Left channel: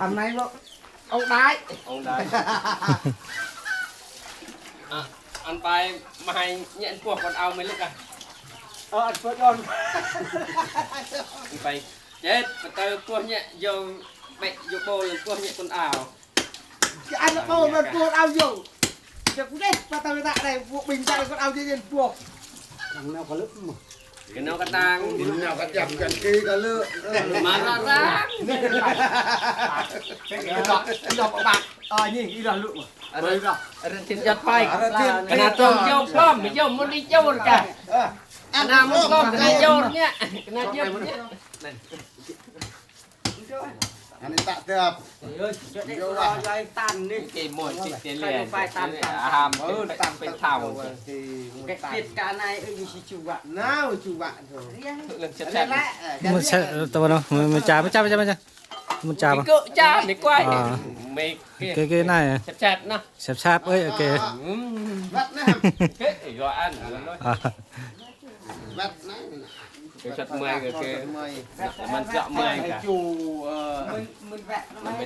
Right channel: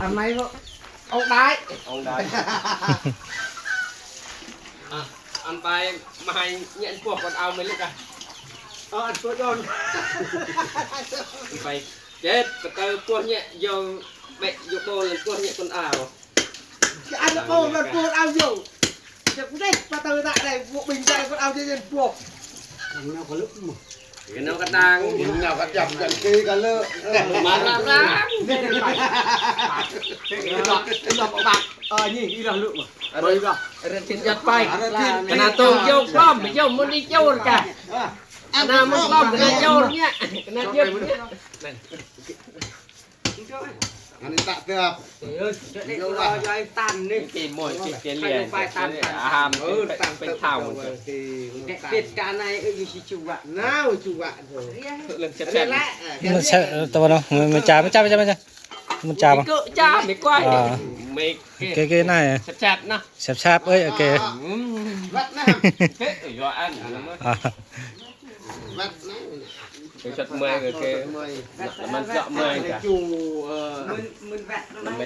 anh này ông đái อันไปมาให้เนี่ยพวกคนเอาไม่ลึกอ่ะ anh phớt con อันไปเจ็ดกระเตยพวกเนี่ยโยเบะโยโบยพวกเนี่ยคนเอา anh nó cô mà cô ao nhiều được cũng đấy và tao tại này buộc bình chạy con ao trên buộc thằng nào có lúc mà เห็นเอากระดัง nào có chậm chậm kia cả lơ มาละละ cái đọc bạc nhìn cái đọc lượng mà อะไรก็อะไรทิ้งยัดไปขนาดตัวโยกล้อมไปโยกมันได้โยนจ้ะขนาดมันล้อมไปได้โยนเนี่ยขนาดเยอะเนี่ย anh tạ cướp เดี๋ยวรอยายตันนี่ เกมมวยเกมเรียนอาหารเป็นเท่า thì เป็ดกาในอยู่ชูวะน้าวชูวะ เรื่องแซ่บ มันใช่ตัวเนาะมันจ่ามันจ่ามันจ่าปะ ก็จ้าดีกว่าเมก เก๋ๆหน่อย แซ่บนะ แซ่บๆเอ้ยโอเค vắt nè เฮ้ยรออัน vắt nè เป็นสัตว์เมย์ก็คือ mời มันเจาะเมย์จ้ะ chủ มึนแวะ มันไม่